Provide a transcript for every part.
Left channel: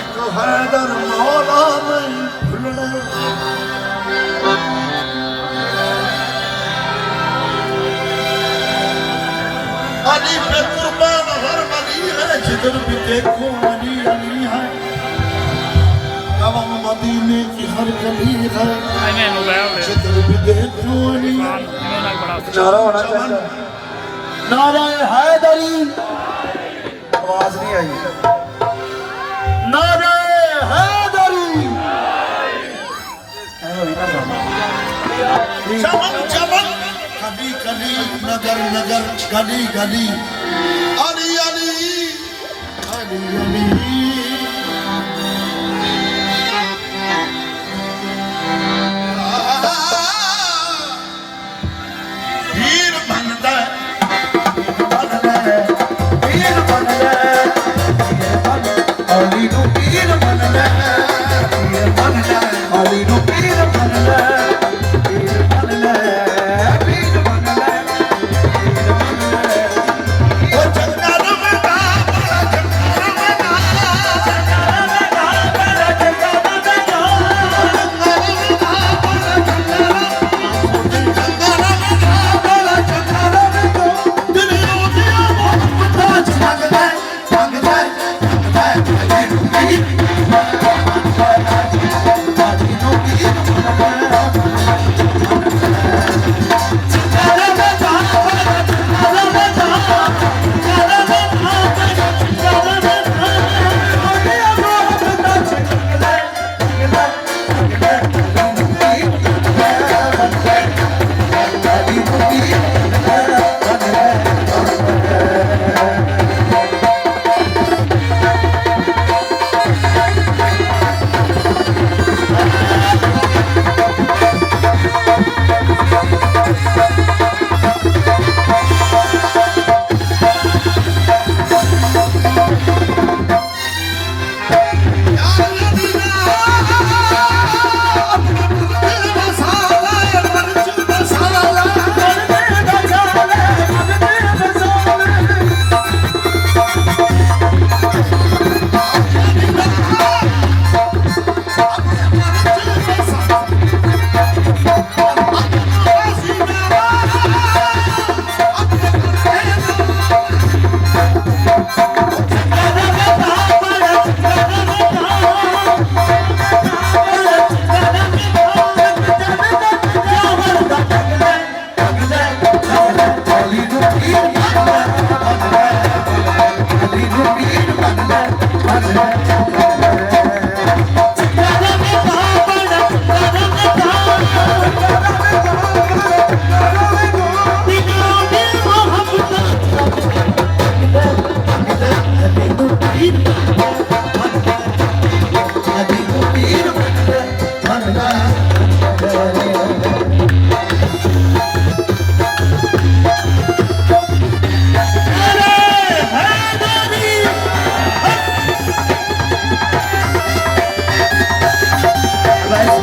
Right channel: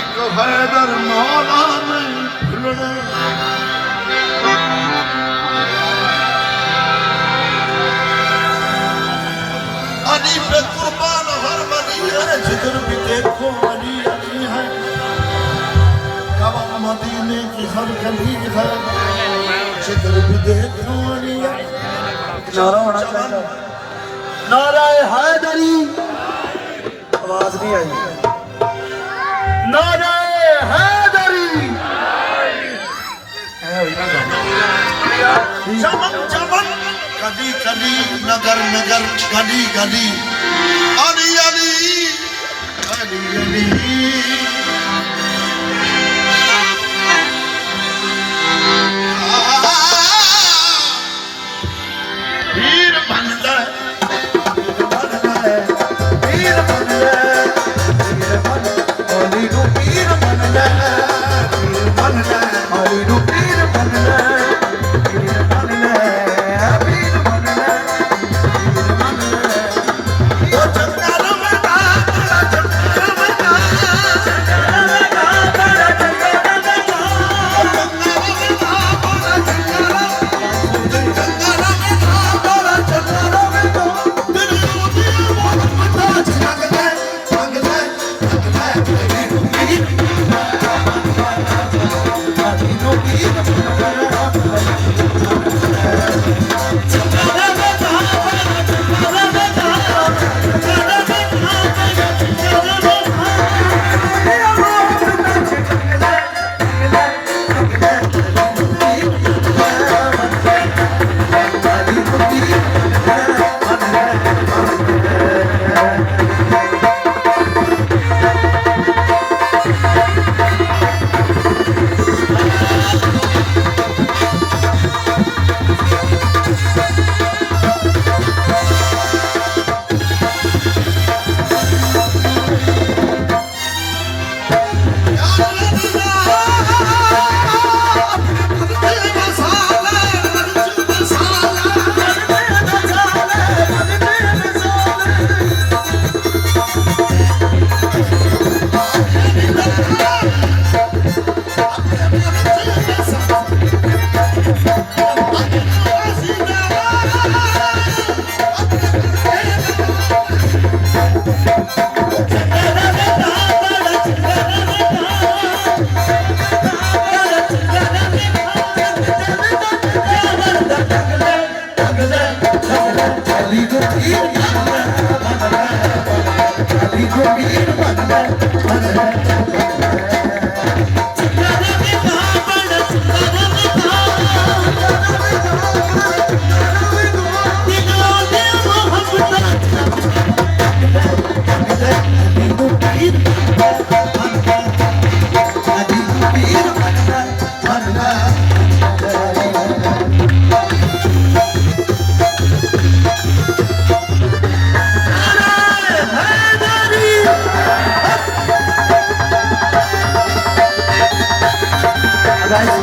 एक हैदर मौला नहीं भूलना अली पे कुर्बान हर वली है जिधर भी देखो अली अली है गवाह मदीने की हर गली है जिधर भी देखो अली है नारा होना चाहिए नारा हैदरी आवाज नहीं आई नारा हैदरी चमन चमन कली कली नगर नगर गली गली अली अली अली अली वीर बन जा वीर बन ले अली को वीर बन ले वीर बन ले अली को वीर बन ले वीर बन ले वीर बन ले वीर बन ले ओ चंदा रवना बड़ा चंदा रवना चंदा रवना बड़ा चंदा रवना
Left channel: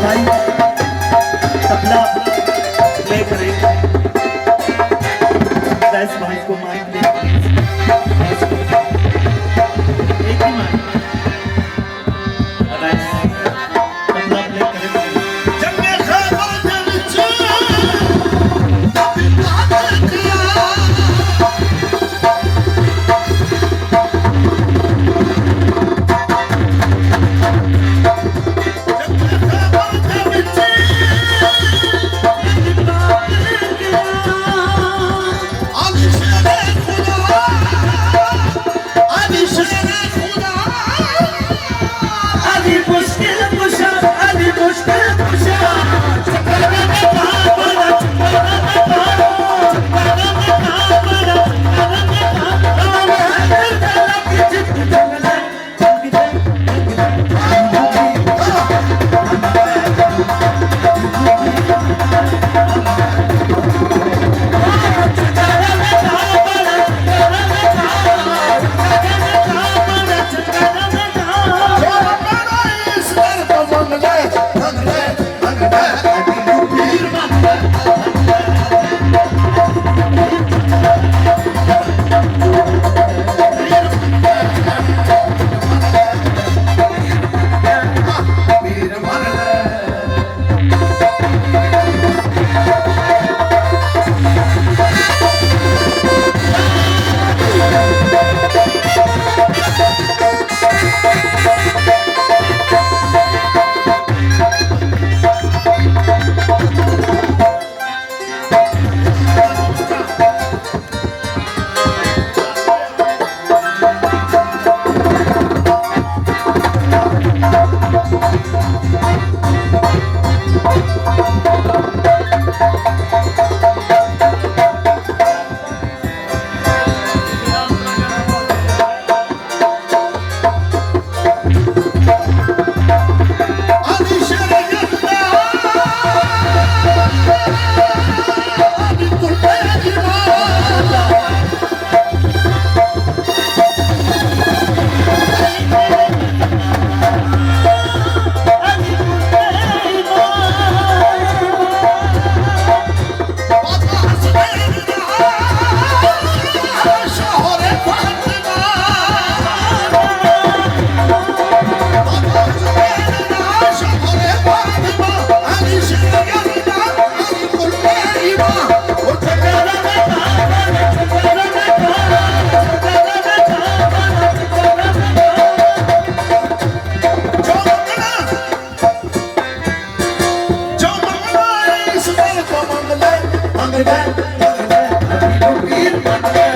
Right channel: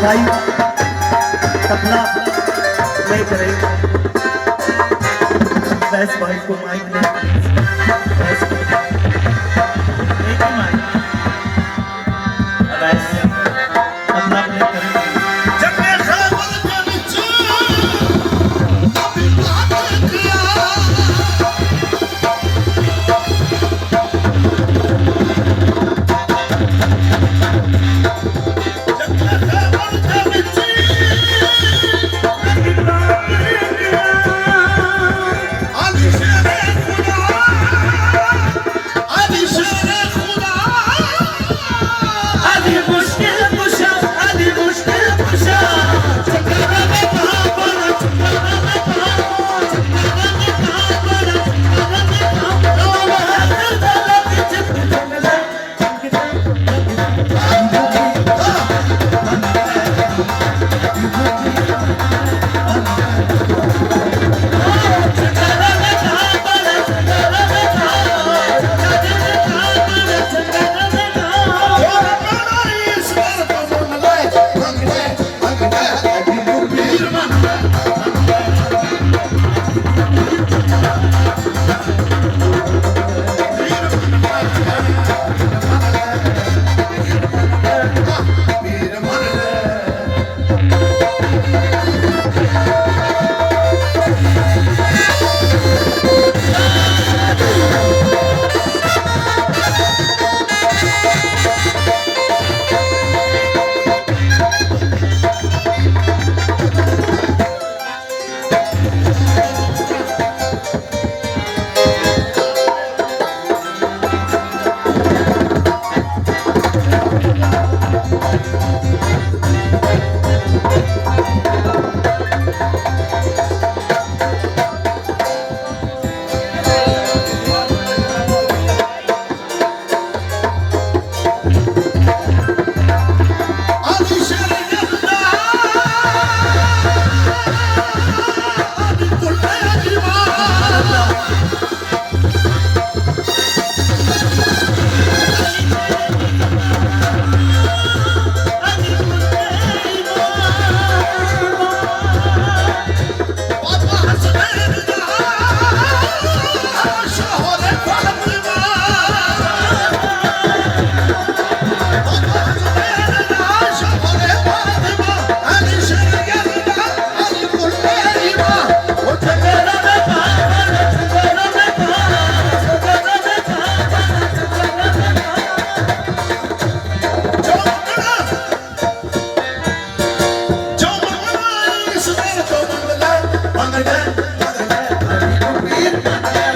भाई तबला प्ले करें वैस भाई को माइक दे एक ही माइक वैस तबला प्ले करें जब मैं खबर के बिचू Ali ਮੰਨ ਲੈ